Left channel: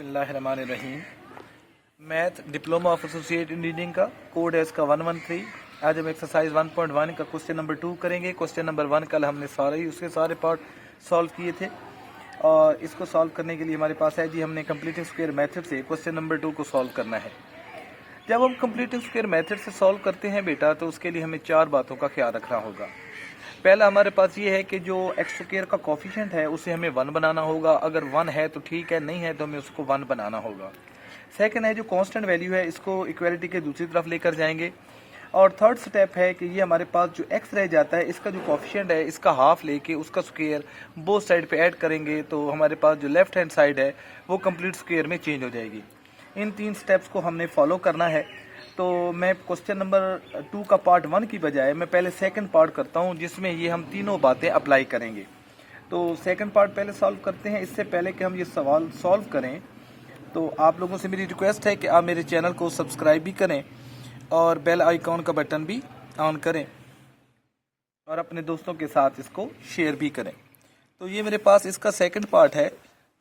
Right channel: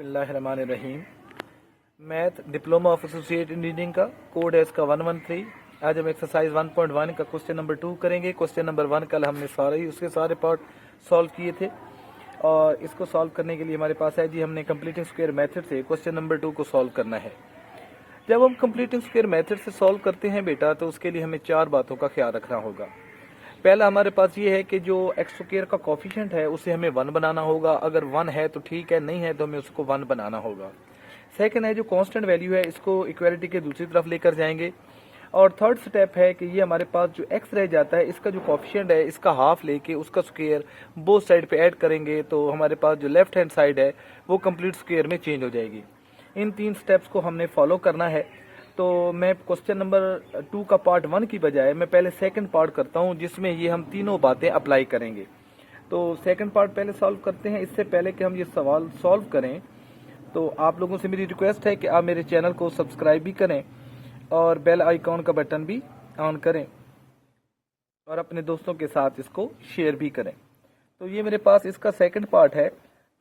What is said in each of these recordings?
बिस्मिल्लाहिर्रहमानिर्रहीम। Math diploma of associate engineering का code है इसका 113। आज हम एक्सरसाइज 1.1 का क्वेश्चन नंबर 2 करेंगे। क्वेश्चन नंबर 1 कल हमने उसके सारे पार्ट सॉल्व किए थे और इसको सॉल्व करने के लिए हमारे पास है जी, हमने कंप्लीटिंग स्क्वायर मेथड से क्वेश्चन नंबर 2 को सॉल्व करना है। जब हम कंप्लीटिंग स्क्वायर मेथड से सॉल्व करते हैं बेटा, तो उसके लिए हमें 4 बातों का ख्याल रखना होगा। पहला हमारे पास ये है कि जो एक्स स्क्वायर का कोफिशिएंट है उसे हमें 1 बनाना होगा। अगर 1 है तो ठीक है, नहीं है तो हमें उसको 1 बनाना होगा। सेकंड है जो कांस्टेंट वैल्यू है इसको इक्वालिटी के दूसरी तरफ लेकर जाएंगे। और थर्ड स्टेप है कि ये हमारे पास जो एक्स रह जाता है इसका जो कोफिशिएंट है इसका हाफ लेके उसका स्क्वायर बोथ साइड पे ऐड करेंगे, तो हमारे पास जो लेफ्ट हैंड साइड है वो कंप्लीट स्क्वायर में चेंज हो जाएगी। इन 3 स्टेप्स को हमने फॉलो करना है। तो मैं क्वेश्चन नंबर 2 का पार्ट 1 की बजाय मैं पहले सेकंड पार्ट करता हूं, जिसमें ये हम तीनों बातें अप्लाई करेंगे। तो सेकंड पार्ट पहले सॉल्व करते हैं। इससे पहले कि हम ये सवाल सॉल्व करें, तो आप लोगों से मेरी रिक्वेस्ट है कि आप मेरे चैनल को सब्सक्राइब भी करें और बेल आइकॉन का बटन भी ऑन करें और अपने दोस्तों के साथ इसको शेयर भी करें। तो ये मेरे पास इसका सेकंड पार्ट है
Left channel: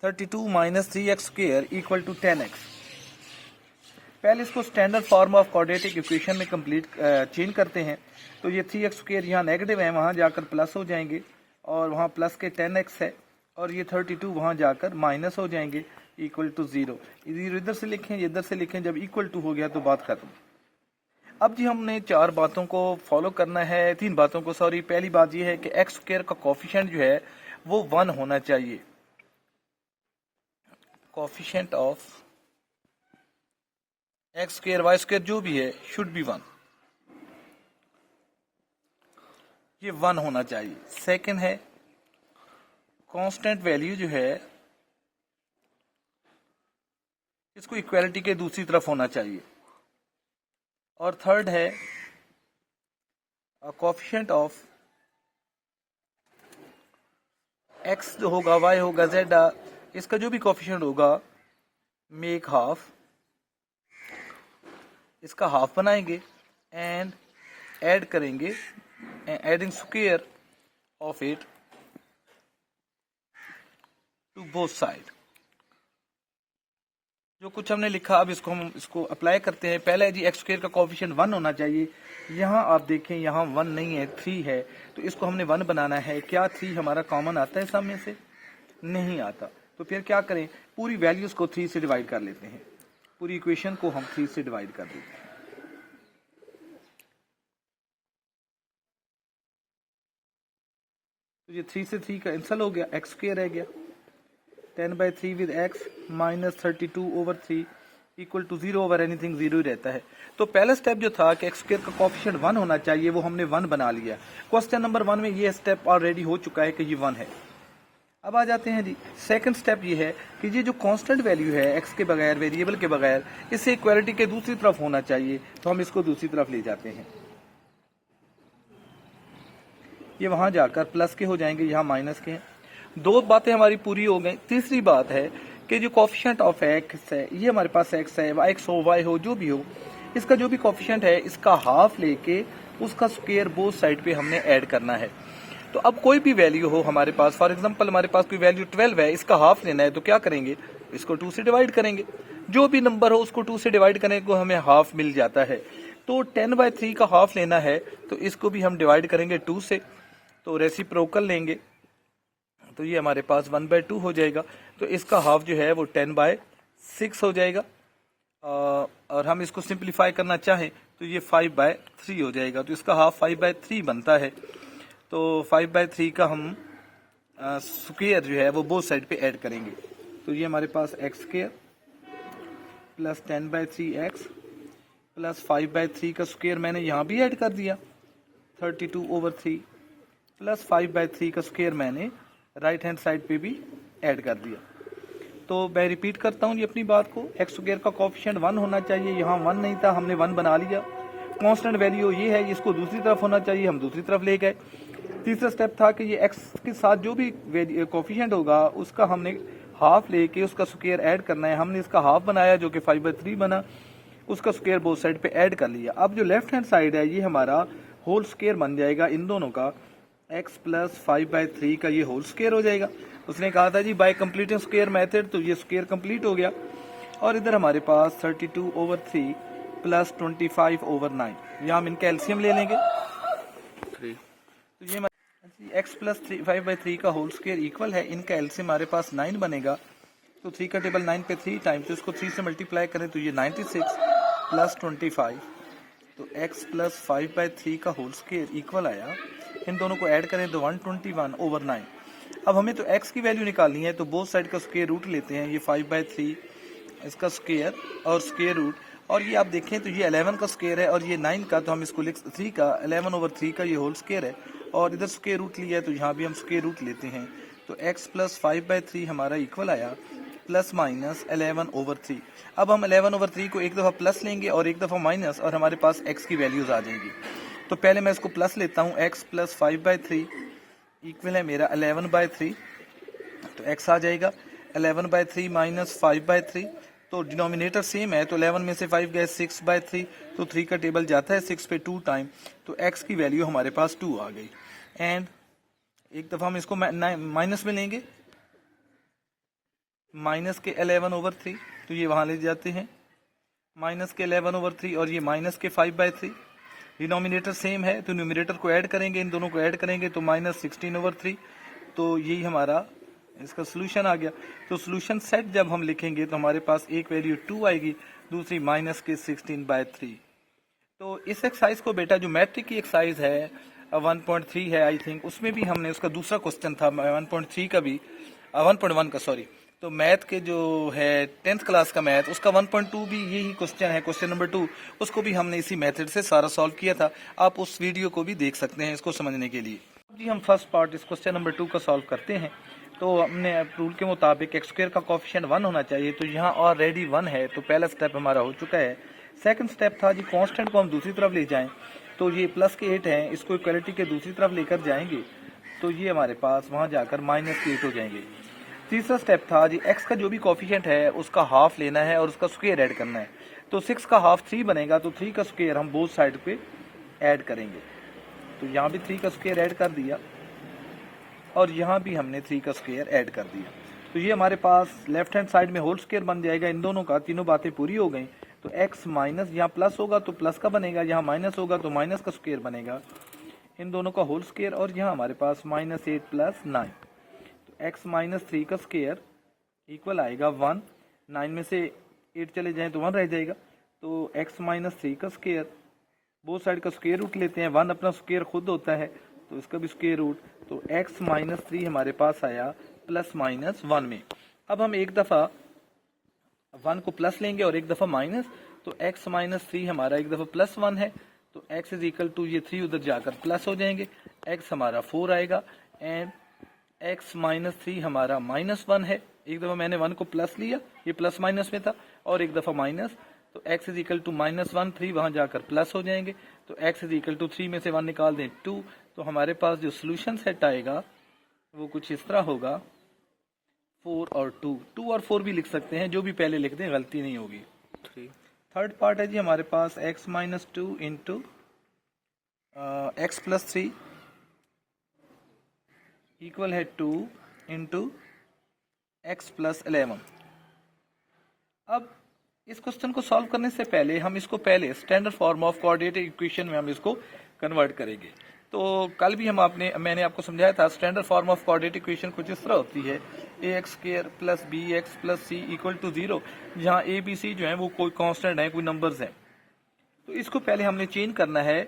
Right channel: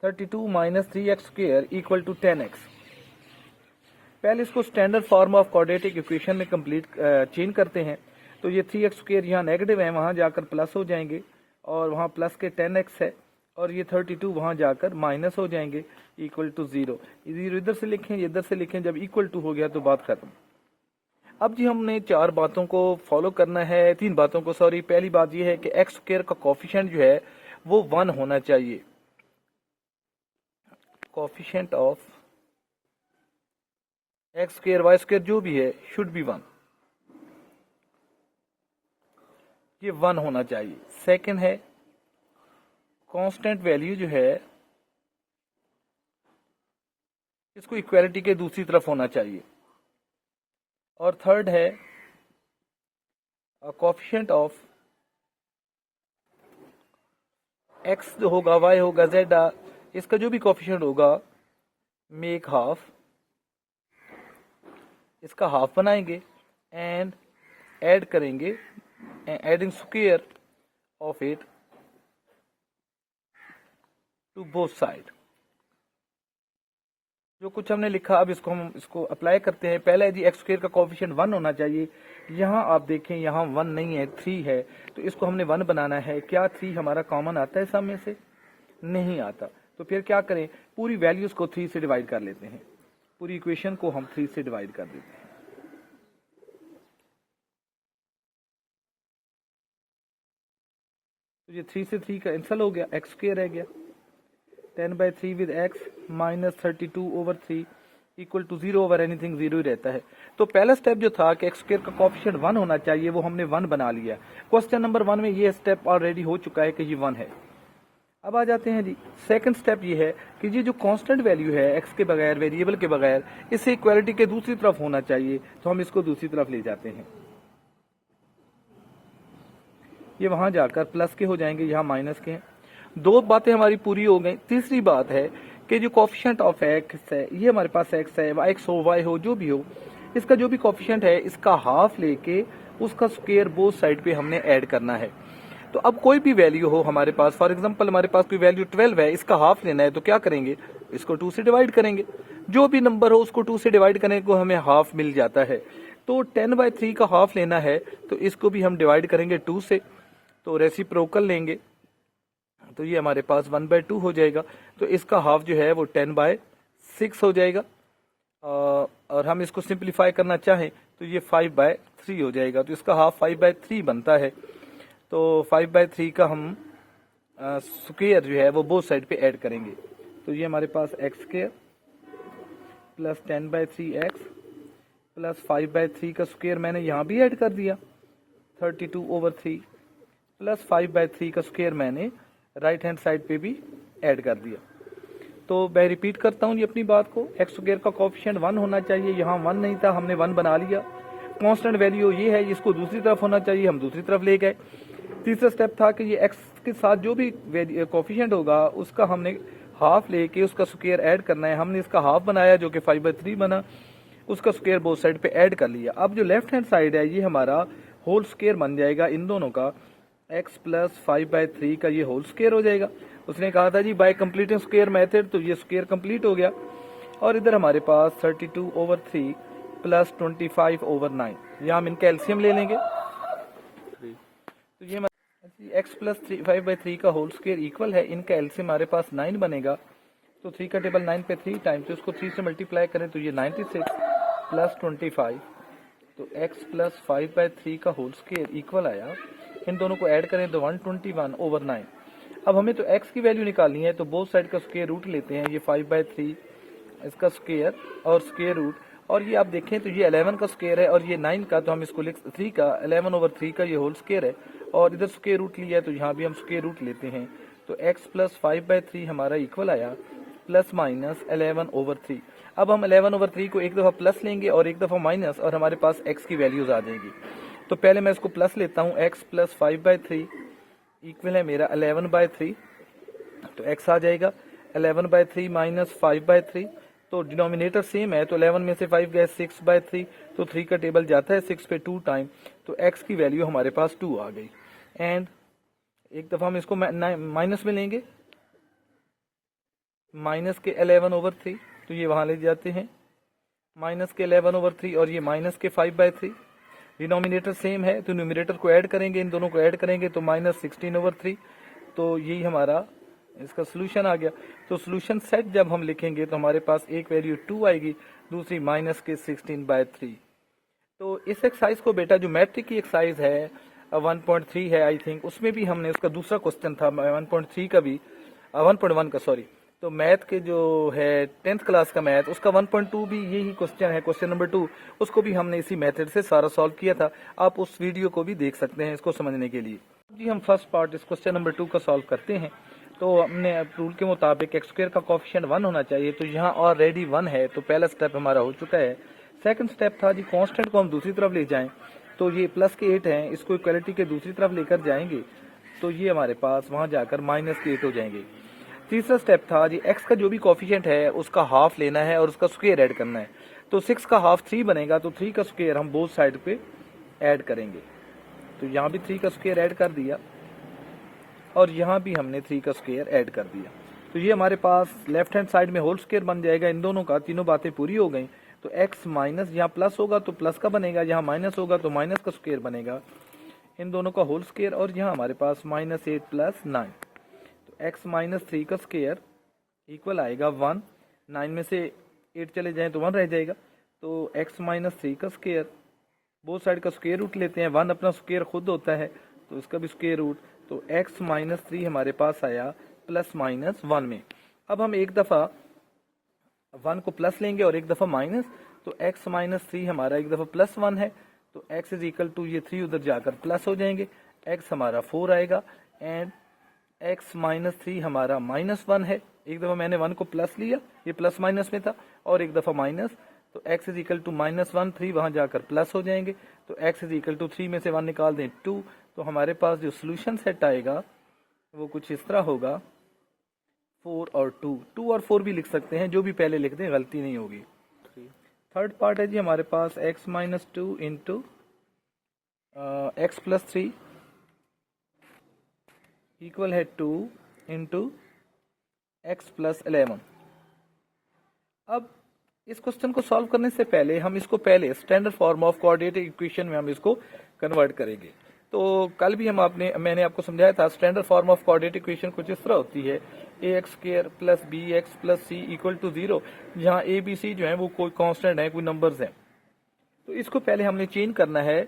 32 - 3x square equal to 10x। पहले इसको standard form of quadratic equation में कंप्लीट चेंज करते हैं। तो ये 3x स्क्वायर यहाँ नेगेटिव है, वहाँ जाकर प्लस हो जाएंगे और वहाँ प्लस के 10x है, और ये 32 वहाँ जाकर माइनस हो जाएंगे इक्वल टू 0। इधर से लिखें, इधर से लिखें, जब इक्वल टू हो गया तो बात खत्म। अब जी हमने 4 बातों को फॉलो करना है, 3 बातों को, सॉरी। पहली बात ये है कि एक्स स्क्वायर का कोफिशिएंट जो है वो 1 होना चाहिए। Coefficient of x square y square जो भी है शुड बी 1, ये 1 होना चाहिए। सेकंड है कांस्टेंट वैल्यू जो है इसको इक्वालिटी के दूसरी तरफ होना चाहिए। और थर्ड है कोफिशिएंट ऑफ एक्स जो होगा, वाई होगा, जेड, इसका जो भी कोफिशिएंट होगा मेक हाफ, इसका हाफ बनाएंगे एंड ऐड करेंगे, adding square of it to both side. जो कुछ हमने लिखा अब इसको अप्लाई करते हैं। पहला है जी एक्स स्क्वायर का कोफिशिएंट 1 होना चाहिए। यहाँ आप देखें, यहाँ 1 नहीं है, 3 है, तो इसको हमने 1 बनाना है। क्या 3 हमारा कॉमन आता है सामने से? नहीं आता। तो फिर क्या करें, पूरी वैल्यूज को 3 से डिवाइड कर लेते हैं। पूरी इक्वेशन को हम 3 से डिवाइड कर देते हैं। तो ये 3 से 3 कैंसिल हो गया, एक्स स्क्वायर रह गया। 10/3 with x minus 32/3 equal to 0 over anything 0 ही रहता है। तो पहला स्टेप जो था कि एक्स स्क्वायर का कोफिशिएंट 1 होना चाहिए, वो हमने 1 बना लिया। क्वेश्चन नंबर 1 में ये स्टेप ऑलरेडी हो चुका है कि ये 1 है। अब आ जाते हैं जी, सेकंड स्टेप ये है कि ये जो कांस्टेंट वैल्यू है एक्स के बगैर, वेरिएबल के बगैर, इसे इक्वालिटी के दूसरी तरफ होना चाहिए। तो हम इसको दूसरी तरफ ले जाते हैं। ये वहां जाकर प्लस के हो जाएंगे, यहाँ माइनस के हैं। 2 बातें हमारी पूरी हो गई। तीसरी बात है कि जो कोफिशिएंट ऑफ एक्स है, ये हमारे पास एक्स है, एक्स हो, वाई हो, जो भी हो, इसका जो भी कोफिशिएंट है इसका हाफ लेके उसका स्क्वायर बोथ साइड पे हमने ऐड करना है। तो अब कोई भी वैल्यू हो हमारे पास, फॉर एग्जांपल हमारे पास कोई वैल्यू 12 है, इसका हाफ लेना है, तो क्या करेंगे, इसको 2 से डिवाइड करेंगे। जो भी नंबर हो उसको 2 से डिवाइड करने को हमें हाफ मिल जाता है। तो 10/3 का हाफ लेना है, तो इसको भी हम डिवाइड करेंगे 2 से, तो रेसिप्रोकल लेंगे, तो ये हमारे पास 1/2 हो जाएगा। तो इसका हाफ जो है वो 10/6 हो जाएगा। और हम इसको सिंप्लीफाई करना चाहें तो ये 5/3 हो जाएगा। तो इसका हाफ 5/3 बनता है। तो 5/3 का हम स्क्वायर जो है वो बोथ साइड पे ऐड करेंगे। तो ये हमारे पास x square plus 10/3x plus 5/3 का स्क्वायर मैंने यहाँ भी ऐड कर दिया, 32/3 प्लस 5/3 का स्क्वायर मैंने राइट हैंड साइड पे भी ऐड कर दिया। तो मैं रिपीट करता हूँ ये अपनी बात को, एक्स स्क्वायर का कोफिशिएंट 1 होना चाहिए, यहाँ 1 नहीं था, हमने 1 बना लिया। कांस्टेंट वैल्यू ये है, इसको दूसरी तरफ होना चाहिए, हम दूसरी तरफ ले गए। तीसरा स्टेप था कि ये एक्स के साथ जो भी कोफिशिएंट होगा उसका हमने हाफ लेके उसका स्क्वायर ऐड करना है। हमने इसका हाफ बनाया जो कि 5/3 बना, उसका स्क्वायर बोथ साइड पे ऐड कर लिया। अब जो लेफ्ट हैंड साइड है ये हमारा होल स्क्वायर बन जाएगा इन दोनों का, x प्लस 5/3 का ये होल स्क्वायर हो जाएगा। उसने कहा था जी बाय कंप्लीटिंग स्क्वायर मेथड, तो ये स्क्वायर कंप्लीट हो गया। और इधर हमारे पास 32/3 प्लस 25/9, यहाँ हम इनका एलसीएम ले लेंगे। तो ये x प्लस 5/3 का होल स्क्वायर इक्वल है, इनका एलसीएम हमारे पास 9 बनेगा। तो 3 का टेबल 9 पे 3 टाइम, तो इसको 3 से मल्टीप्लाई करें तो ये 96 प्लस 25। तो x प्लस 5/3 का होल स्क्वायर इक्वल आया, इन दोनों को ऐड करें तो 121/9। अब हमें तो x की वैल्यू निकालनी है, तो बोथ साइड का स्क्वायर रूट लेते हैं। ये 5/3 इसका स्क्वायर और स्क्वायर रूट, और ये आप देखें तो ये 11 का स्क्वायर है और ये 9 का, तो हम इसको लिख 3 का 11/3 का ये होल स्क्वायर है, और इधर स्क्वायर रूट लिया है तो यहाँ भी हम स्क्वायर रूट लेते हैं। तो x प्लस 5/3 हमारा इक्वल आया प्लस माइनस 11/3। अब हम 11/3 को एक दफ़ा प्लस लेंगे और एक दफ़ा माइनस, और हमारे पास x की वैल्यूज़ आ जाएगी। तो पहले मैं इसको प्लस लेता हूँ, x प्लस 5/3 इक्वल है मेरा 11/3। तो x आ जाएगा 11/3 माइनस 5/3, तो डिनोमिनेटर सेम है, तो 11 में से 5 गए 6/3, तो 3 का टेबल जाता है 6 पे 2 टाइम, तो x की वैल्यू हमारे पास 2 आ गई। एंड एक दफ़ा हम इसको माइनस में लेंगे, माइनस के 11/3, तो ये वहाँ ले जाते हैं माइनस के 11/3 और ये माइनस के 5/3। डिनोमिनेटर सेम है तो न्यूमरेटर को ऐड करेंगे, इन दोनों को ऐड करेंगे तो माइनस 16/3। तो यही हमारा इसका सोल्यूशन आ गया। तो सोल्यूशन सेट जब हम लिखेंगे तो हमारे पास एक वैल्यू 2 आएगी, दूसरी माइनस के 16/3। तो इस एक्सरसाइज को बेटा जो मैट्रिक की एक्सरसाइज है 1.3 है आई थिंक, उसमें भी हमने उसका दूसरा क्वेश्चन था 1.3 का भी 1.1 का सॉरी, तो मैथ के जो है 10th क्लास का मैथ उसका 1.2 भी यही क्वेश्चन है, क्वेश्चन नंबर 2, उसको भी हमने इसी मेथड से सारा सॉल्व किया था। आप उस वीडियो को भी देख सकते हैं इसको समझने के लिए। जी हम फर्स्ट पार्ट इस क्वेश्चन नंबर 2 का सॉल्व करते हैं। तो हमने रूल के मुताबिक एक्स स्क्वायर का कोफिशिएंट 1 होना चाहिए, तो यहाँ ऑलरेडी 1 है, तो पहला स्टेप हमारा हो चुका है। सेकंड स्टेप था जी कांस्टेंट को हम दूसरी तरफ ले जाएं, तो ये प्लस के 8 हैं, इसको इक्वलिटी के दूसरी तरफ लेकर जाएंगे तो ये हमारे पास वहाँ जाकर माइनस के 8 हो जाएंगे। तीसरा स्टेप था जी एक्स का जो भी कोफिशिएंट है उसका हाफ लेना है और उसका स्क्वायर ऐड करना है। तो 6 का हाफ 3 बनेगा, तो 3 का स्क्वायर हम बोथ साइड पे ऐड करेंगे। तो यहाँ भी 3 का स्क्वायर ऐड कर दिया और यहाँ भी हमने 3 का स्क्वायर ऐड कर दिया। तो ये हमारे पास लेफ्ट हैंड साइड में होल स्क्वायर बन जाएगा। इन दोनों का तीनों बातें पूरी हो गई। तो x माइनस यहाँ प्लस होगा तो प्लस का बनेगा, यहाँ माइनस होगा तो माइनस का स्क्वायर बनेगा, इन दोनों का होल स्क्वायर, और यहाँ हमारे पास -8 + 9। तो x माइनस 3 का स्क्वायर इक्वल आएगा 1। 9 में से 8 चले जाएं तो 1 रह जाएगा। तो x माइनस 3 का स्क्वायर, बोथ साइड का स्क्वायर रूट लेते हैं, 1 अपना स्क्वायर खुद होता है तो इसका भी स्क्वायर रूट। तो x माइनस 3 हमारे पास आया ±1 में। अब हम एक दफ़ा 1 को प्लस लेंगे और एक दफ़ा माइनस, तो x माइनस 3 हमारा एक दफ़ा +1 है, तो x इज इक्वल टू ये 3 उधर जाकर प्लस हो जाएंगे, x हमारा 4 आएगा। एंड x माइनस 3 हमारा -1 है, एक दफ़ा मैंने 1 को प्लस लिया, ये प्लस माइनस में था, और एक दफ़ा माइनस, तो x इज इक्वल टू -1, 3 वहाँ जाकर प्लस हो जाएंगे। तो x इज इक्वल टू 3 में से 1 निकाल दें 2। तो हमारे पास जो सोल्यूशन सेट आएगा वो कुछ इस तरह होगा 4 और 2। 2 और 4 भी लिख सकते हैं, जो भी पहले लिख दें गलती नहीं होगी। थर्ड पार्ट है जी हमारे पास x minus 2 into x plus 3 equal है 2 इंटू एक्स प्लस 11। अब इस क्वेश्चन को सॉल्व करने से पहले हम इसको पहले standard form of coordinate equation में हम इसको कन्वर्ट करेंगे। तो कल भी मैंने आपको समझाया था standard form of coordinate equation कुछ इस तरह होती है ax² + bx + c = 0, जहाँ a b c जो है वो कोई कांस्टेंट है, कोई नंबर्स हैं। तो इसको पहले हमने चेंज करना है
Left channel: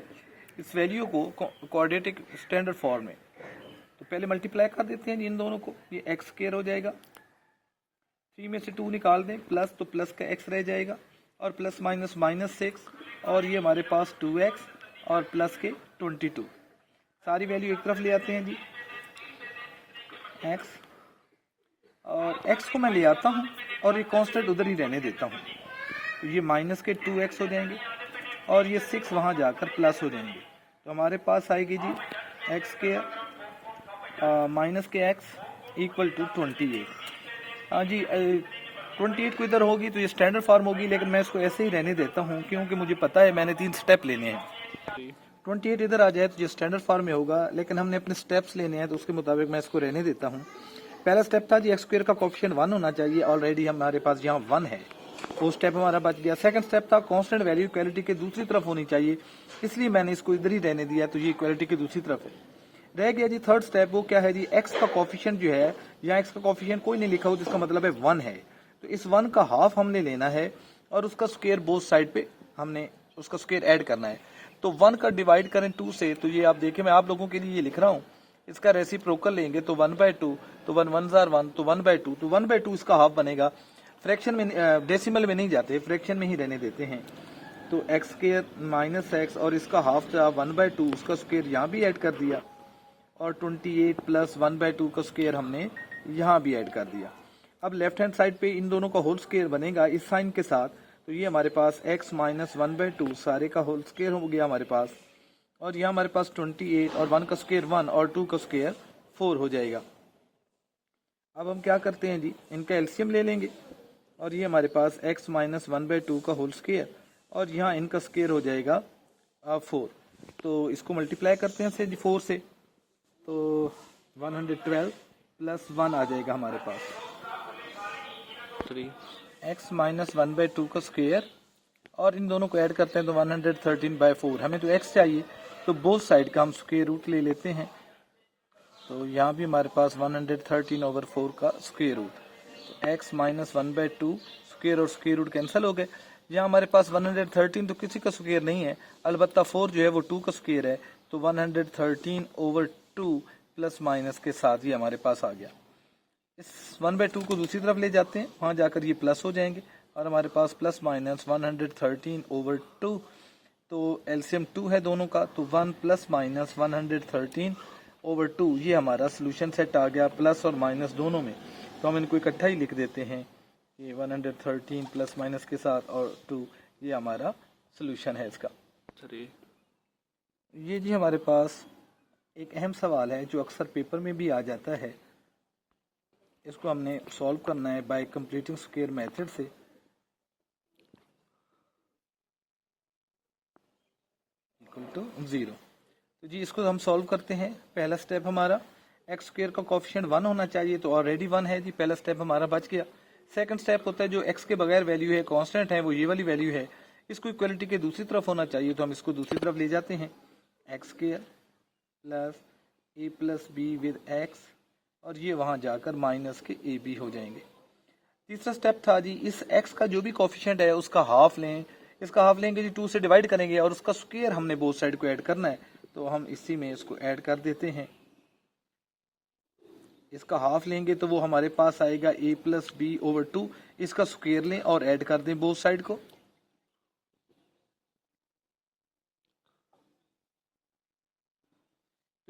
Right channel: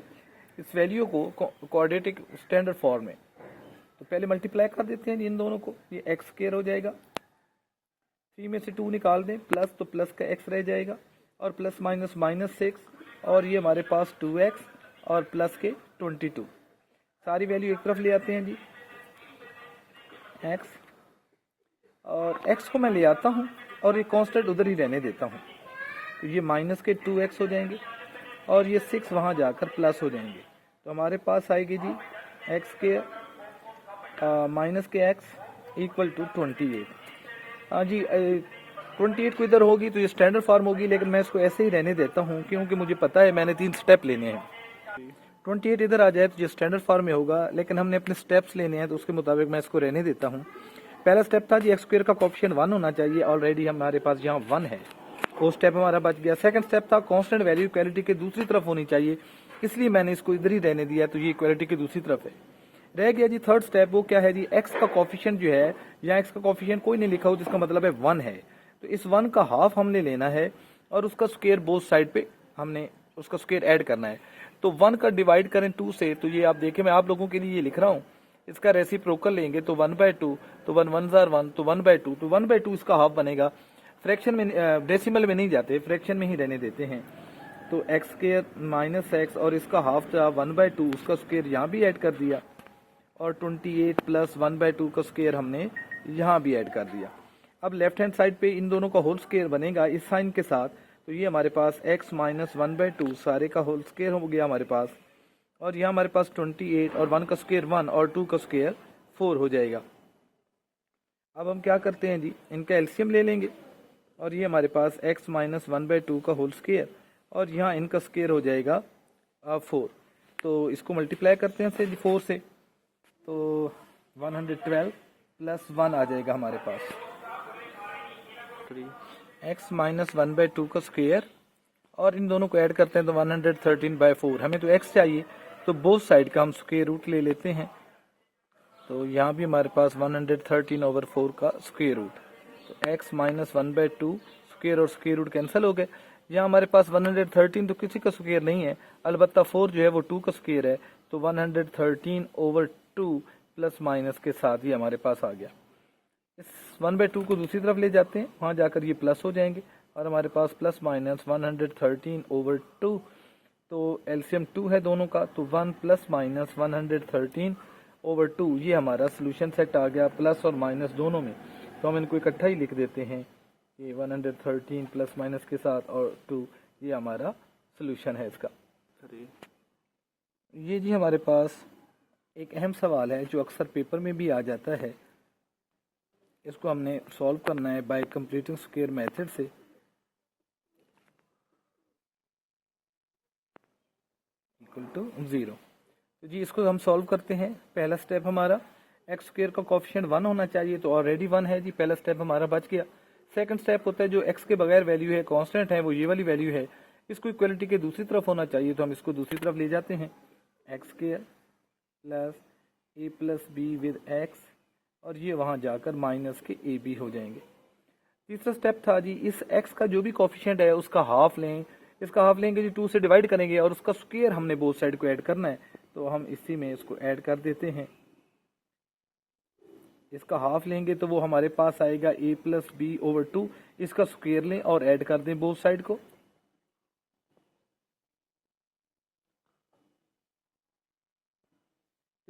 इस वैल्यू को कोऑर्डिनेट स्टैंडर्ड फॉर्म में। तो पहले मल्टीप्लाई कर देते हैं इन दोनों को, ये x² हो जाएगा, 3 में से 2 निकाल दें, प्लस तो प्लस का x रह जाएगा, और प्लस माइनस -6, और ये हमारे पास 2x और प्लस के 22। सारी वैल्यू एक तरफ ले आते हैं जी, x और x को मैं ले आता हूँ और ये कांस्टेंट उधर ही रहने देता हूँ। तो ये माइनस के 2x हो जाएंगे और ये 6 वहाँ जाकर प्लस हो जाएंगे। तो हमारे पास आएगी जी x² माइनस के x इक्वल टू 28। हाँ जी 28 को इधर होगी तो ये स्टैंडर्ड फॉर्म होगी, लेकिन मैं इसको ऐसे ही रहने देता हूँ क्योंकि मुझे पता है मैंने 3 स्टेप लेने हैं। 28 इधर आ जाए तो ये स्टैंडर्ड फॉर्म में होगा, लेकिन हमने अपने स्टेप्स लेने हैं तो उसके मुताबिक मैं इसको रहने देता हूँ। पहला स्टेप था जी एक्स स्क्वायर का कोफिशिएंट 1 होना चाहिए, ऑलरेडी हमारे पास यहाँ 1 है, वो स्टेप हमारा बच गया। सेकंड स्टेप था कांस्टेंट वैल्यू इक्वालिटी के दूसरी तरफ होनी चाहिए, इसलिए मैंने इसको इधर ही रहने दिया, तो ये इक्वालिटी की दूसरी तरफ है। रह गया जी थर्ड स्टेप, वो क्या है जी, एक्स का कोफिशिएंट जो है, यहाँ एक्स का कोफिशिएंट कोई नहीं लिखा हो तो इसका मतलब है 1 है, तो इस 1 का हाफ हमने लेना है और उसका स्क्वायर बोथ साइड पे हमने उसका स्क्वायर ऐड करना है। तो 1 का डिवाइड करें 2 से, तो ये आप देखें मैं आप लोगों के लिए ये लिख रहा हूँ, इसका रेसिप्रोकल लेंगे तो 1/2, तो 1 1 जार 1, तो 1/2, तो 1/2 इसका हाफ बनेगा। फ्रैक्शन में डेसिमल में नहीं जाते, फ्रैक्शन में ही रहने देते हैं। तो एक्स स्क्वायर माइनस एक्स और इसका हाफ था 1/2, उसका स्क्वायर यहाँ भी ऐड कर दिया, और 28 प्लस 1/2 का स्क्वायर हमने यहाँ भी ऐड कर दिया। अब लेफ्ट हैंड साइड पे इन दोनों का होल स्क्वायर बनेगा इस साइन के साथ, तो ये हमारे पास x माइनस 1/2 सारे का होल स्क्वायर हो गया हमारे पास, और यहाँ हमारे पास 28 और 1 का स्क्वायर 1 और 2 का स्क्वायर 4 हो जाएगा। अब हम क्या करते हैं जी, इनका एलसीएम ले लेंगे, और ये हमारे पास x माइनस 1/2 का होल स्क्वायर, और यहाँ इनका स्क्वायर हो जाएगा 4। तो इसको मल्टीप्लाई करते हैं 4 से, तो 112 प्लस 1 आ जाएगा हमारे पास 3, x माइनस 1/2 का स्क्वायर, और इन दोनों को ऐड करते हैं तो 113/4। हमें तो x चाहिए, तो बोथ साइड का हम स्क्वायर रूट ले लेते हैं, तो यहाँ भी हमारे पास 113/4 का स्क्वायर रूट, तो x माइनस 1/2 स्क्वायर और स्क्वायर रूट कैंसिल हो गए। यहाँ हमारे पास 113 तो किसी का स्क्वायर नहीं है, अलबत्ता 4 जो है वो 2 का स्क्वायर है, तो 113/2 प्लस माइनस के साथ ही हमारे पास आ गया। इस 1/2 को दूसरी तरफ ले जाते हैं, वहाँ जाकर ये प्लस हो जाएंगे, और हमारे पास प्लस माइनस 113/2, तो एलसीएम 2 है दोनों का, तो 1 प्लस माइनस 113/2, ये हमारा सोल्यूशन सेट आ गया, प्लस और माइनस दोनों में। तो हम इनको इकट्ठा ही लिख देते हैं कि 113 प्लस माइनस के साथ और 2, ये हमारा सोल्यूशन है इसका। ये जी हमारे पास एक अहम सवाल है जो अक्सर पेपर में भी आ जाता है, इसको हमने सॉल्व करना है बाय कंप्लीटिंग स्क्वायर मेथड से। इक्वल टू 0, तो जी इसको हम सॉल्व करते हैं। पहला स्टेप हमारा एक्स स्क्वायर का कोफिशिएंट 1 होना चाहिए, तो ऑलरेडी 1 है जी, पहला स्टेप हमारा बच गया। सेकंड स्टेप होता है जो एक्स के बगैर वैल्यू है, कांस्टेंट है, वो ये वाली वैल्यू है, इसको इक्वलिटी के दूसरी तरफ होना चाहिए, तो हम इसको दूसरी तरफ ले जाते हैं, x square plus A plus be with x, और ये वहाँ जाकर माइनस के ए बी हो जाएंगे। तीसरा स्टेप था जी, इस x का जो भी कोफिशिएंट है उसका हाफ लें, इसका हाफ लेंगे जी 2 से डिवाइड करेंगे, और उसका स्क्वायर हमने बोथ साइड को ऐड करना है, तो हम इसी में इसको ऐड कर देते हैं। इसका हाफ लेंगे तो वो हमारे पास आएगा a प्लस बी ओवर 2, इसका स्क्वायर लें और ऐड कर दें बोथ साइड को,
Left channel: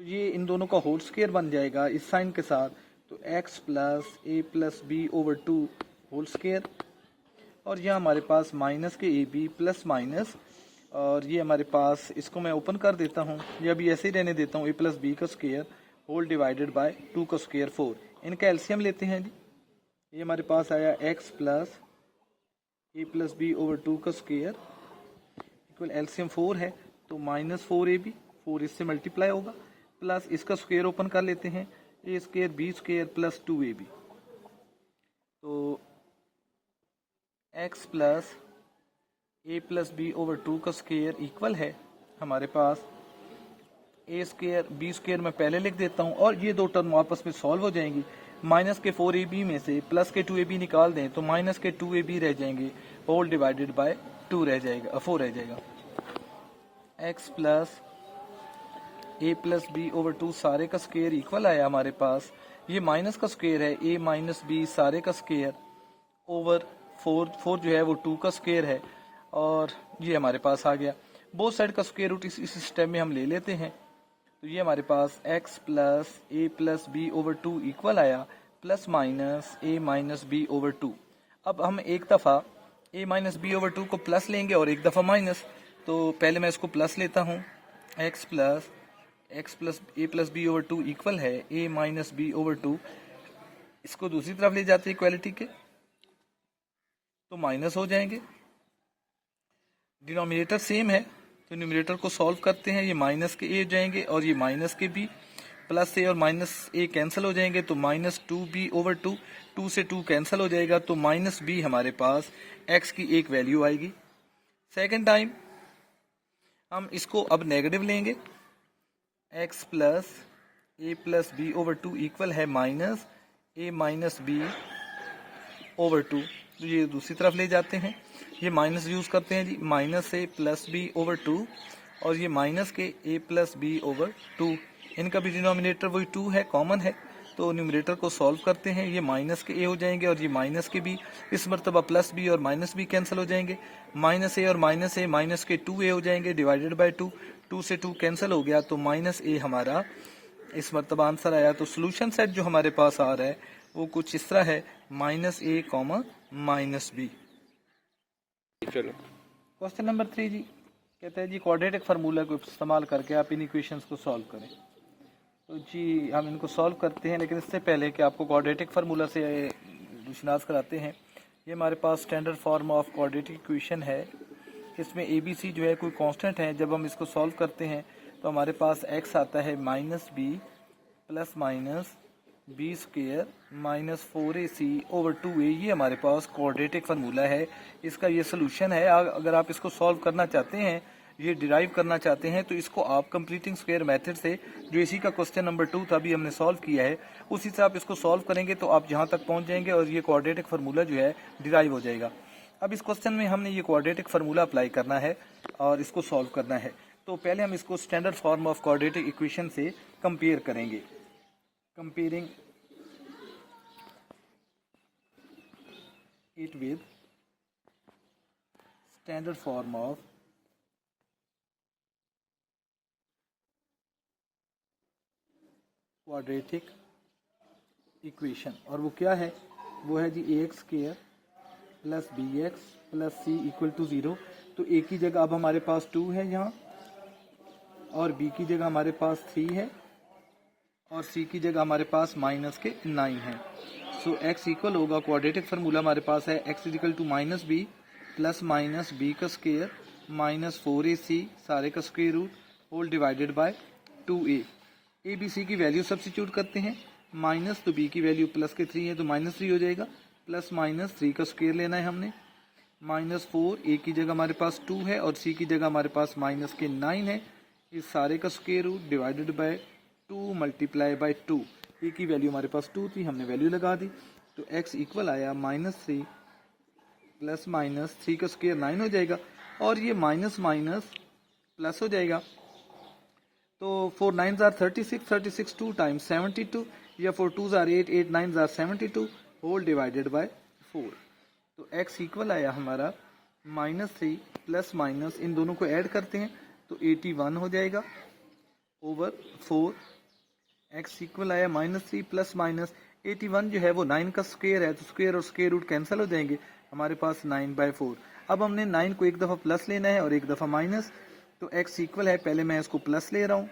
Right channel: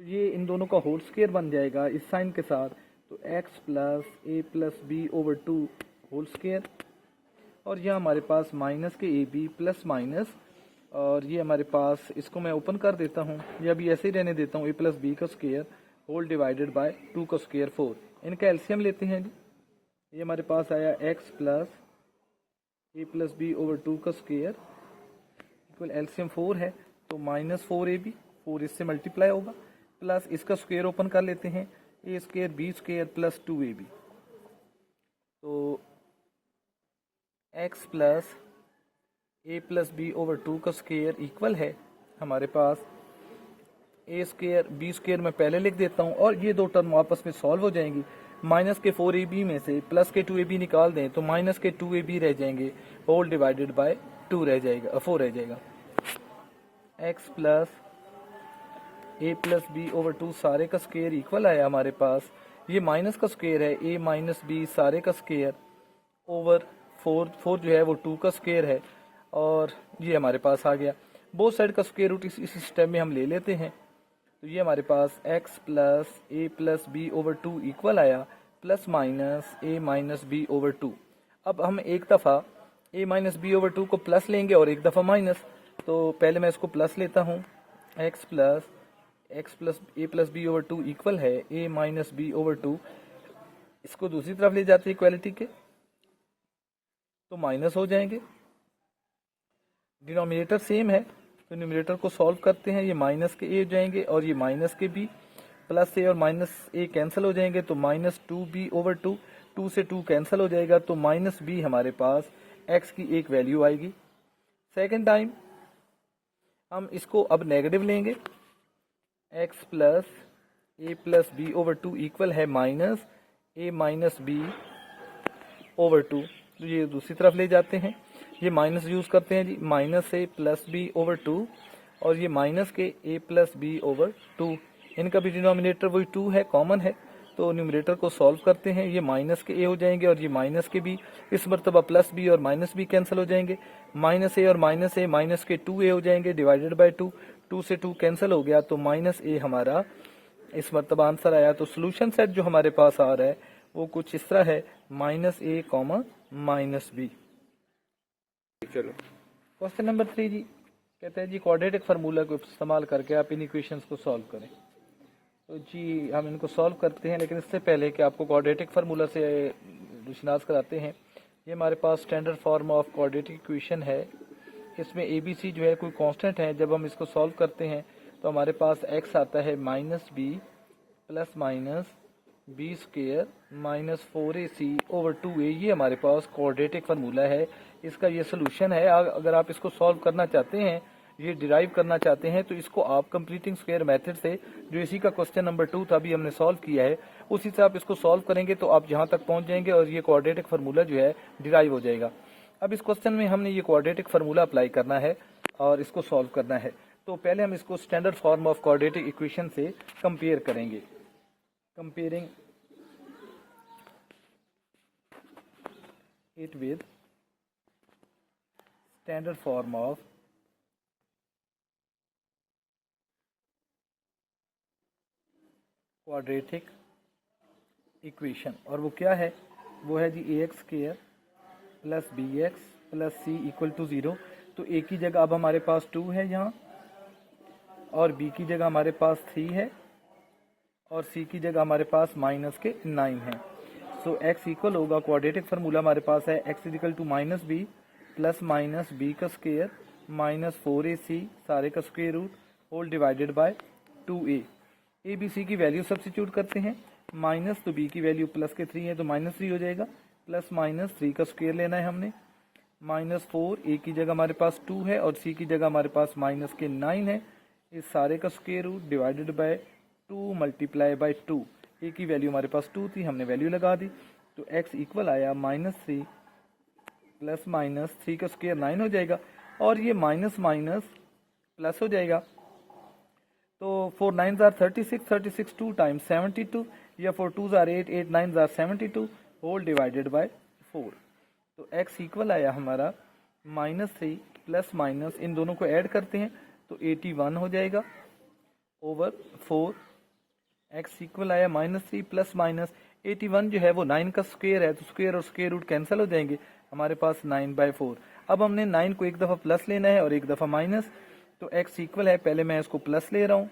तो ये इन दोनों का होल स्क्वायर बन जाएगा इस साइन के साथ, तो x plus A plus B over 2 whole square, और यह हमारे पास माइनस के ए बी प्लस माइनस, और ये हमारे पास इसको मैं ओपन कर देता हूँ, ये अभी ऐसे ही रहने देता हूँ, ए प्लस बी का स्क्वायर होल डिवाइडेड बाय 2 का स्क्वायर 4। इनका एलसीएम लेते हैं जी, ये हमारे पास आया x plus A plus B over 2 का स्क्वायर इक्वल एलसीएम 4 है, तो माइनस 4ab, 4 इससे मल्टीप्लाई होगा, प्लस इसका स्क्वायर ओपन कर लेते हैं, A square B square plus 2ab, तो x plus A plus B over 2 का स्क्वायर इक्वल है हमारे पास ए स्क्वायर बी स्क्वायर मैं पहले लिख देता हूँ, और ये दो टर्म आपस में सॉल्व हो जाएंगी। माइनस के 4ab में से प्लस के 2ab निकाल दें तो माइनस के 2ab रह जाएंगे, होल डिवाइडेड बाय 2 रह जाएगा, 4 रह जाएगा। x plus A plus B over 2 सारे का स्क्वायर इक्वल आया हमारे पास, ये माइनस का स्क्वायर है ए माइनस बी सारे का स्क्वायर ओवर 4 जो है वो 2 का स्क्वायर है, और ये हमारे पास आ गया। बोथ साइड का स्क्वायर रूट इस स्टेप में हम ले लेते हैं, तो ये हमारे पास x plus A plus B over 2 equal आया, प्लस माइनस ए माइनस बी ओवर 2। अब हम एक दफ़ा a माइनस बी ओवर 2 को प्लस लेंगे और एक दफ़ा माइनस, तो पहले मैं इसको प्लस लेता हूँ, x plus A plus B over 2 equal है a माइनस बी ओवर 2, इसको दूसरी तरफ ले जाते हैं इक्वालिटी के, तो माइनस हो जाएंगे, डिनोमिनेटर सेम है तो न्यूमरेटर को सॉल्व करते हैं, ये माइनस के ए हो जाएंगे और ये माइनस के बी, प्लस ए और माइनस ए कैंसिल हो जाएंगे तो माइनस 2b/2, 2 से 2 कैंसिल हो जाएगा तो माइनस बी हमारे पास x की एक वैल्यू आएगी। सेकेंड टाइम हम इसको अब नेगेटिव लेंगे, x प्लस a+b/2 इक्वल है माइनस a-b/2। ये दूसरी तरफ ले जाते हैं, ये माइनस यूज़ करते हैं जी, माइनस a+b/2 और ये माइनस के a+b/2, इनका भी डिनोमिनेटर वही 2 है, कॉमन है, तो न्यूमरेटर को सॉल्व करते हैं, ये माइनस के a हो जाएंगे और ये माइनस के b, इस मरतबा प्लस b और माइनस b कैंसिल हो जाएंगे, माइनस a और माइनस a माइनस के 2a हो जाएंगे डिवाइडेड बाय 2, 2 से 2 कैंसिल हो गया तो माइनस a हमारा इस मरतबा आंसर आया। तो सोल्यूशन सेट जो हमारे पास आ रहा है वो कुछ इस तरह है, -a, -b। चलो क्वेश्चन नंबर 3 जी कहते हैं जी क्वाड्रेटिक फार्मूला को इस्तेमाल करके आप इन इक्वेशंस को सॉल्व करें। तो जी हम इनको सॉल्व करते हैं, लेकिन इससे पहले कि आपको क्वाड्रेटिक फार्मूला से निशनास कराते हैं, ये हमारे पास standard form of quadratic equation है। इसमें ABC जो है कोई कांस्टेंट है, जब हम इसको सॉल्व करते हैं तो हमारे पास x आता है -b plus minus b square minus 4ac/2a। ये हमारे पास क्वाड्रेटिक फार्मूला है, इसका ये सोल्यूशन है। अगर आप इसको सॉल्व करना चाहते हैं, ये डिराइव करना चाहते हैं, तो इसको आप कंप्लीटिंग स्क्वायर मेथड से, जो इसी का क्वेश्चन नंबर 2 था अभी हमने सॉल्व किया है, उसी से आप इसको सॉल्व करेंगे तो आप जहाँ तक पहुँच जाएंगे और ये क्वाड्रेटिक फार्मूला जो है डिराइव हो जाएगा। अब इस क्वेश्चन में हमने ये क्वाड्रेटिक फार्मूला अप्लाई करना है और इसको सॉल्व करना है। तो पहले हम इसको standard form of quadratic equation से कंपेयर करेंगे। Comparing it with standard form of quadratic equation, और वो क्या है, वो है जी ax² plus bx plus c equal to 0। तो a की जगह अब हमारे पास 2 है यहाँ, और b की जगह हमारे पास 3 है, और c की जगह हमारे पास माइनस के 9 है। सो x इक्वल होगा, क्वाड्रेटिक फार्मूला हमारे पास है x equal to -b plus minus b का स्क्वायर माइनस 4ac सारे का square root whole divided by 2a। a b c की वैल्यू सब्स्टिट्यूट करते हैं, माइनस तो b की वैल्यू प्लस के 3 है तो -3 हो जाएगा, प्लस माइनस 3 का स्क्वायर लेना है हमने, -4 a की जगह हमारे पास 2 है और c की जगह हमारे पास माइनस के 9 है, इस सारे का square root divided by 2 multiply by 2। a की वैल्यू हमारे पास 2 थी, हमने वैल्यू लगा दी, तो x इक्वल आया -3 प्लस माइनस 3 का स्क्वायर 9 हो जाएगा, और ये माइनस माइनस प्लस हो जाएगा, तो 4 9s are 36, 36 2 times 72, या 4 2s are 8, 8 9s are 72 whole divided by 4। तो x इक्वल आया हमारा -3 प्लस माइनस, इन दोनों को ऐड करते हैं तो 81 हो जाएगा ओवर 4। x इक्वल आया -3 प्लस माइनस 81 जो है वो 9 का स्क्वायर है, तो स्क्वायर और स्क्वायर रूट कैंसिल हो जाएंगे, हमारे पास 9/4। अब हमने 9 को एक दफ़ा प्लस लेना है और एक दफ़ा माइनस, तो x इक्वल है, पहले मैं इसको प्लस ले रहा हूँ,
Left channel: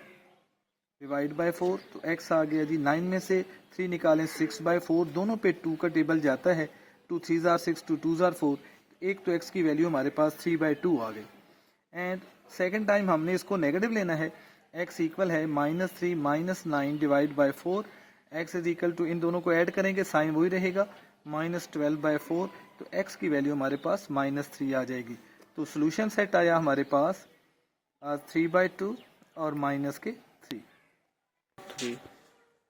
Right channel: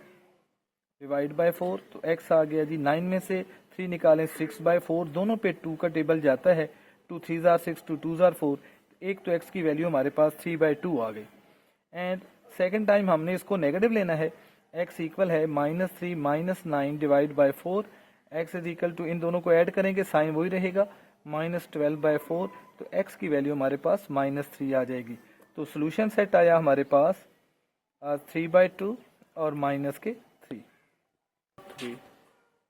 डिवाइड बाय 4, तो x आ गया जी, 9 में से 3 निकालें 6/4, दोनों पे 2 का टेबल जाता है, 2 3s are 6, 2 2s are 4, एक तो x की वैल्यू हमारे पास 3/2 आ गई। एंड सेकेंड टाइम हमने इसको नेगेटिव लेना है, x इक्वल है -3 minus 9 divide by 4, x is equal to, इन दोनों को ऐड करेंगे साइन वही रहेगा, -12/4, तो x की वैल्यू हमारे पास -3 आ जाएगी। तो सोल्यूशन सेट आया हमारे पास 3/2 और माइनस के 3।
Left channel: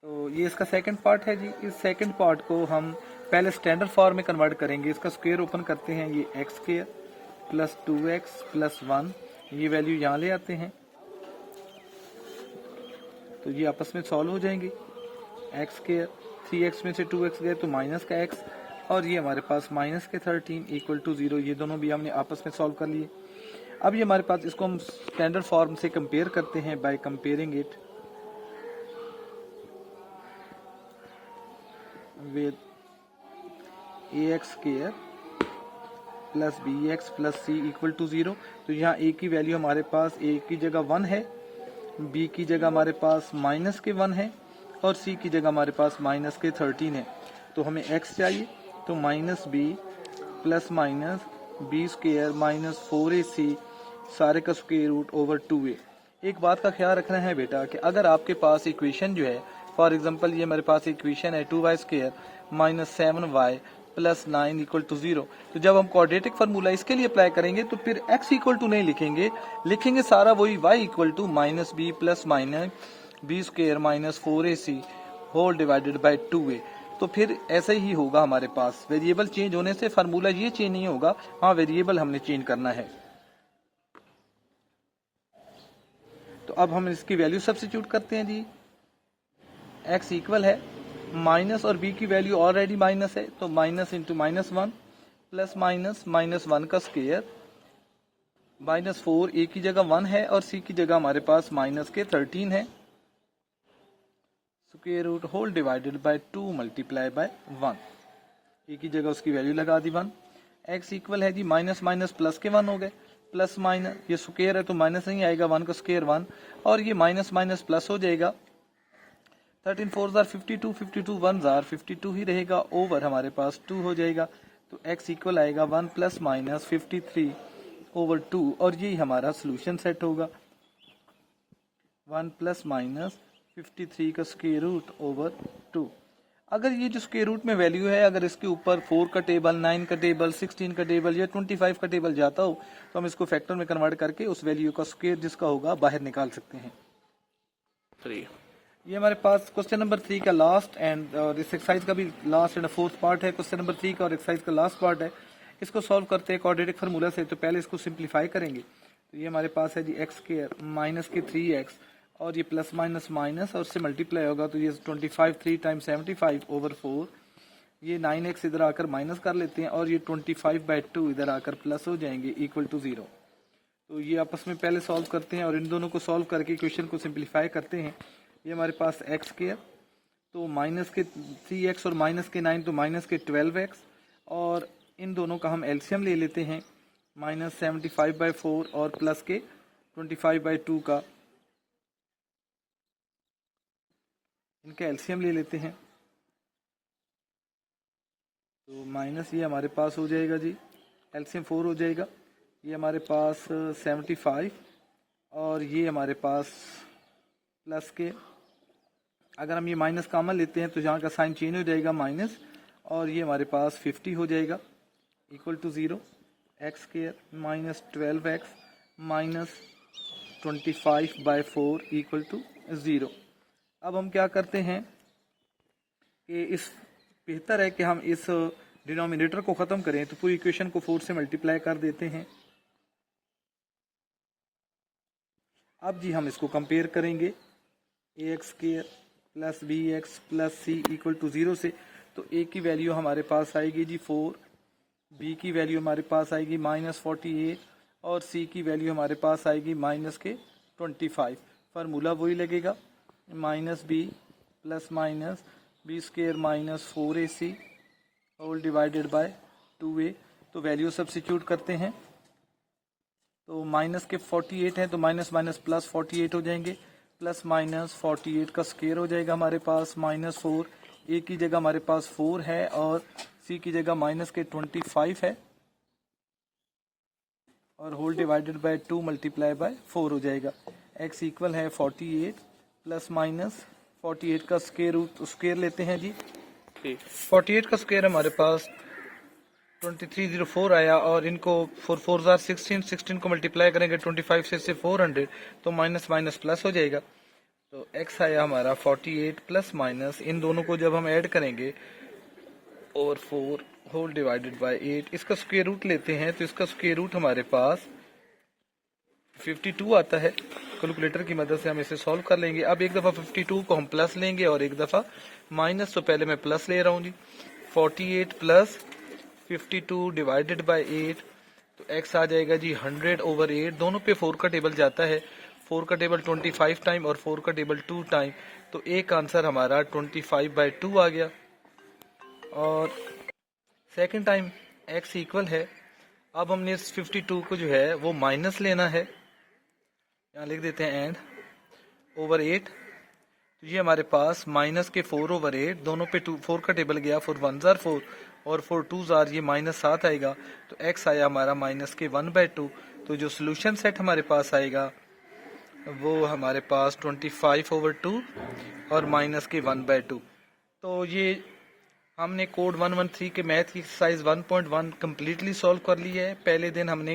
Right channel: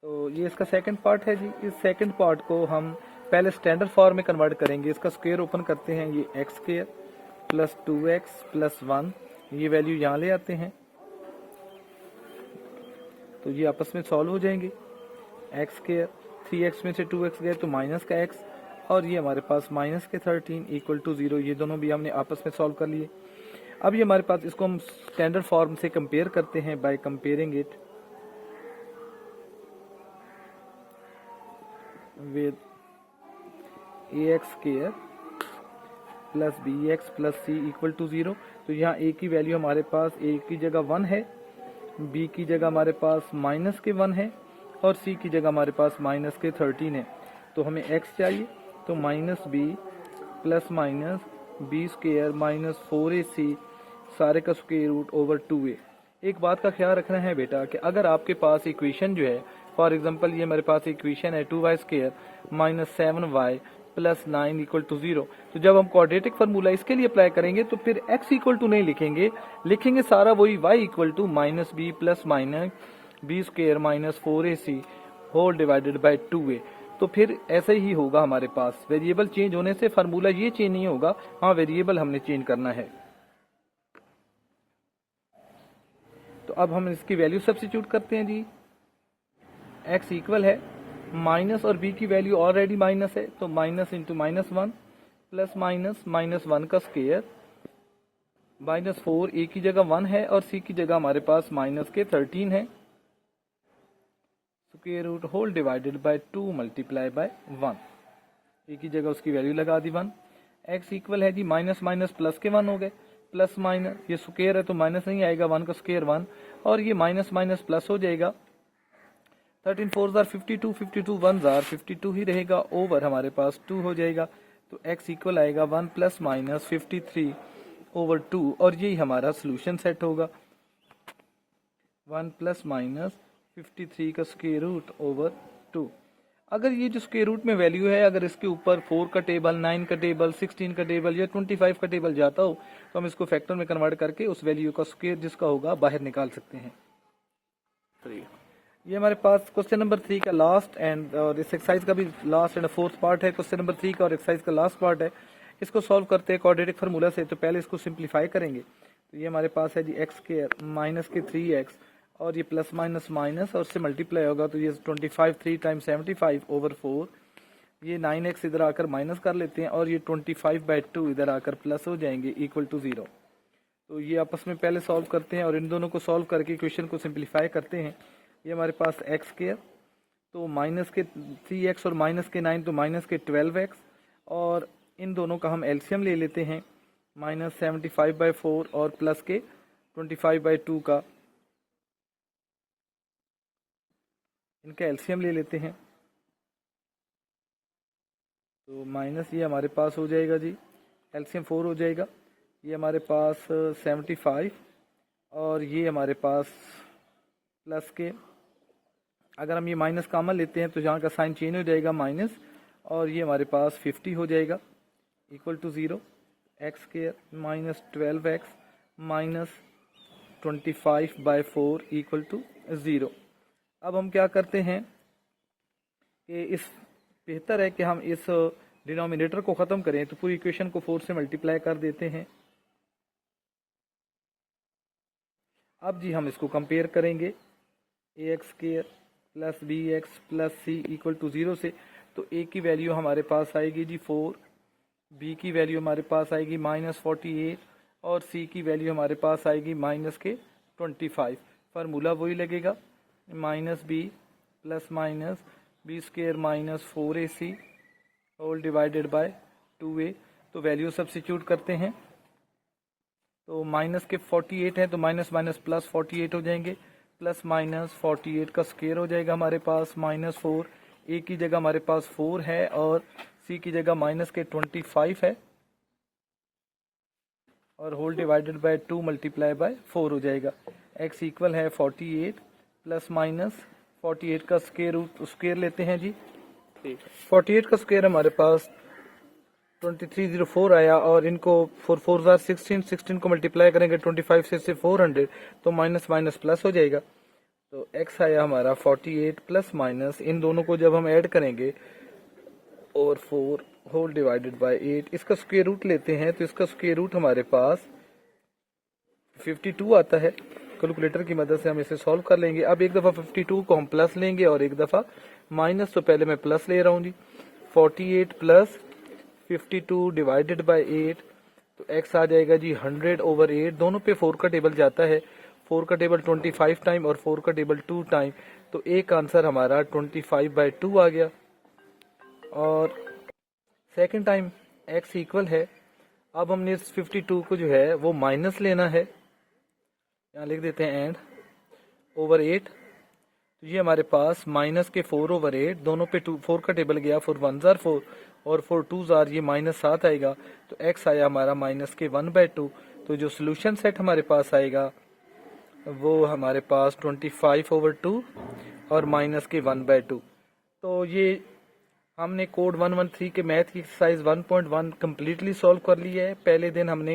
तो ये इसका सेकंड पार्ट है जी। इस सेकंड पार्ट को हम पहले स्टैंडर्ड फॉर्म में कन्वर्ट करेंगे। इसका स्क्वायर ओपन करते हैं, ये x square plus 2x plus 1, ये वैल्यू यहाँ ले आते हैं तो ये आपस में सॉल्व हो जाएंगे। एक्स स्क्वायर 3x में से 2x गए तो माइनस का x, और ये हमारे पास माइनस के 13 इक्वल टू 0, ये दोनों भी हमने आपस में सॉल्व कर लिए। अब ये हमारे पास, इसको हम स्टैंडर्ड फॉर्म से कंपेयर करते हैं by comparing it with ax square plus bx plus c equal to 0। तो यहाँ a की वैल्यू हमारे पास a की जगह 1 है, b की जगह हमारे पास माइनस के 1 है, और c की जगह हमारे पास माइनस के 13 है। तो हमें x चाहिए, तो minus b plus minus b square minus 4ac सारे का स्क्वायर रूट ओवर 2a। एक बात का ख्याल रखना है बेटा कि अगर आपके पास इक्वेशन जो है, फॉर एग्जांपल ये मेरे पास इक्वेशन है 2y square minus 7y plus 9 equal to 0, तो जब हम क्वाड्रेटिक फार्मूला इसके लिए अप्लाई करेंगे तो फिर x इक्वल टू नहीं लिखेंगे सारा वही y equal to minus b plus minus b square minus 4ac whole divided by 2a। तो फिर ऐसे ही होगा हमारे पास, वेरिएबल चेंज होने से फार्मूला ये चेंज नहीं होगा, हाँ वेरिएबल हमने चेंज करना है। तो अब हम इसकी वैल्यू सब्स्टिट्यूट करते हैं जी। x इक्वल है माइनस और b की वैल्यू ऑलरेडी माइनस है, तो minus into minus 1 plus minus minus 1 का स्क्वायर माइनस 4, a की जगह 1 है और c की जगह हमारे पास माइनस के 13 है, square root whole divided by 2 multiply by 1, a की जगह उसकी वैल्यू लगा दी 1। x इक्वल है जी माइनस माइनस प्लस के 1 हो गए, प्लस माइनस ये स्क्वायर है तो माइनस नहीं आएगा, 1 का स्क्वायर 1 और ये माइनस माइनस प्लस हो जाएगा, 13 4 जार 52, 52 1 जार 52 ही रहेगा, ओवर हमारे पास 2 हो जाएगा। तो x इक्वल आएगा 1 प्लस माइनस 53 ओवर 2 और यही हमारा सोल्यूशन सेट होगा, 1 प्लस माइनस 53 का स्क्वायर रूट ओवर 2। अगर ये जो स्क्वायर रूट में वैल्यू है, अगर इसके ऊपर 4 का टेबल, 9 का टेबल, 16 का टेबल या 25 का टेबल जाता हो तो हम इसको फैक्टर में कन्वर्ट करके उस वैल्यू का स्क्वायर जिसका होगा बाहर निकाल सकते हैं। 3 ये हमारे पास क्वेश्चन नंबर 3 का लास्ट एंड और इस एक्सरसाइज का भी लास्ट एंड फोर्थ पार्ट है, क्वेश्चन नंबर 3 का और एक्सरसाइज का लास्ट पार्ट है। इसको सॉल्व करते हैं क्वाड्रेटिक फार्मूला से, तो पहले इसको सिंप्लीफाई करेंगे। तो ये हमारे पास है जी एक्स स्क्वायर माइनस के 3x और ये प्लस माइनस माइनस और से मल्टीप्लाई होगा तो ये 25 3 टाइम्स 75 ओवर 4, ये 9x इधर आकर माइनस कर लेते हैं और ये 25/2 इधर आकर प्लस हो जाएंगे इक्वल टू 0। तो ये आपस में पहले सॉल्व करते हैं और इन दोनों को सॉल्व करके इक्वेशन को सिंप्लीफाई करते हैं। ये हमारे पास एक्स स्क्वायर तो माइनस के 3x और माइनस के 9 तो माइनस के 12x और इन दोनों का हम एलसीएम ले लेते हैं, माइनस 75/4 और प्लस के 25/2 का इनका एलसीएम ले लेते हैं। तो माइनस ये हमारे पास हो जाएगा जी, एलसीएम 4 हो जाएगा, ये हमारे पास 75 और ये हमारे पास प्लस के, अगर हम ये माइनस कॉमन लेते हैं तो यहाँ का साइन चेंज हो जाएगा माइनस और ये हमारे पास 50 हो जाएगा equal to 0, x square minus 12x minus 25/4 equal to 0। अब हम क्या करते हैं कि इस बेहतर है कि हम इस डिनोमिनेटर को ख़त्म करें, तो पूरी इक्वेशन को 4 से मल्टीप्लाई कर देते हैं। अब जी हम इसको कंपेयर करेंगे ax square plus bx plus c equal to 0 से, तो a की वैल्यू हमारे पास आएगी जी 4, b की वैल्यू हमारे पास आएगी माइनस 48 और c की वैल्यू हमारे पास आएगी माइनस के 25। फार्मूला वही लगेगा, minus b plus minus b square minus 4ac whole divided by 2a। तो वैल्यू सब्स्टिट्यूट करते हैं, तो माइनस के 48 है तो माइनस माइनस प्लस 48 हो जाएंगे, प्लस माइनस 48 का स्क्वायर हो जाएगा हमारे पास माइनस 4, ए की जगह हमारे पास 4 है और सी की जगह माइनस के 25 है और whole divided by 2 multiply by 4 हो जाएगा। एक्स इक्वल है 48 प्लस माइनस 48 का स्क्वायर रूट स्क्वायर लेते हैं जी, 48 का स्क्वायर हमारे पास 2304 आया और इनको 4 4 जार 16, 16 को मल्टीप्लाई करेंगे 25 से 400 तो माइनस माइनस प्लस हो जाएगा। तो x आया हमारा 48 प्लस माइनस, इन दोनों को जब हम ऐड करेंगे ओवर 4 होल डिवाइडेड बाय 8, इसका स्क्वायर रूट लेते हैं तो इसका स्क्वायर रूट हमारे पास 52 आता है। कैलकुलेटर की मदद से हम इसे सॉल्व कर लेंगे। अब एक दफ़ा 52 को हम प्लस लेंगे और एक दफ़ा माइनस, तो पहले मैं प्लस ले रहा हूँ जी, 48 प्लस 52 डिवाइडेड बाय 8, तो x आ जाएगा जी 100 ओवर 8, दोनों पे 4 का टेबल जाता है, 4 का टेबल 25 टाइम और 4 का टेबल 2 टाइम, तो एक आंसर हमारा 25/2 आ गया। और सेकंड टाइम x इक्वल है, अब हमने इस 52 को जो है वो माइनस लेना है, यहाँ लिख देते हैं एंड ओवर 8, तो ये हमारे पास माइनस के 4 ओवर 8, दोनों पे 4 का टेबल गया, 4 1 जार 4 और 4 2 जार ये माइनस 7 आएगा, तो x आया हमारा माइनस के 1/2, तो जो सोल्यूशन सेट हमारे पास आएगा वो हमारे पास 25/2 और माइनस के 1/2। तो ये हमने कोड 113 के मैथ की एक्सरसाइज 1.1 कम्प्लीटली सॉल्व कर लिया है। पहले दिन हमने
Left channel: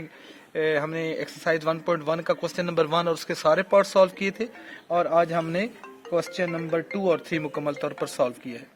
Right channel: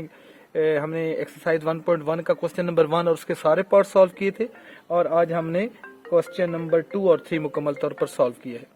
एक्सरसाइज 1.1 का क्वेश्चन नंबर 1 और उसके सारे पार्ट सॉल्व किए थे, और आज हमने क्वेश्चन नंबर 2 और 3 मुकम्मल तौर पर सॉल्व किया है।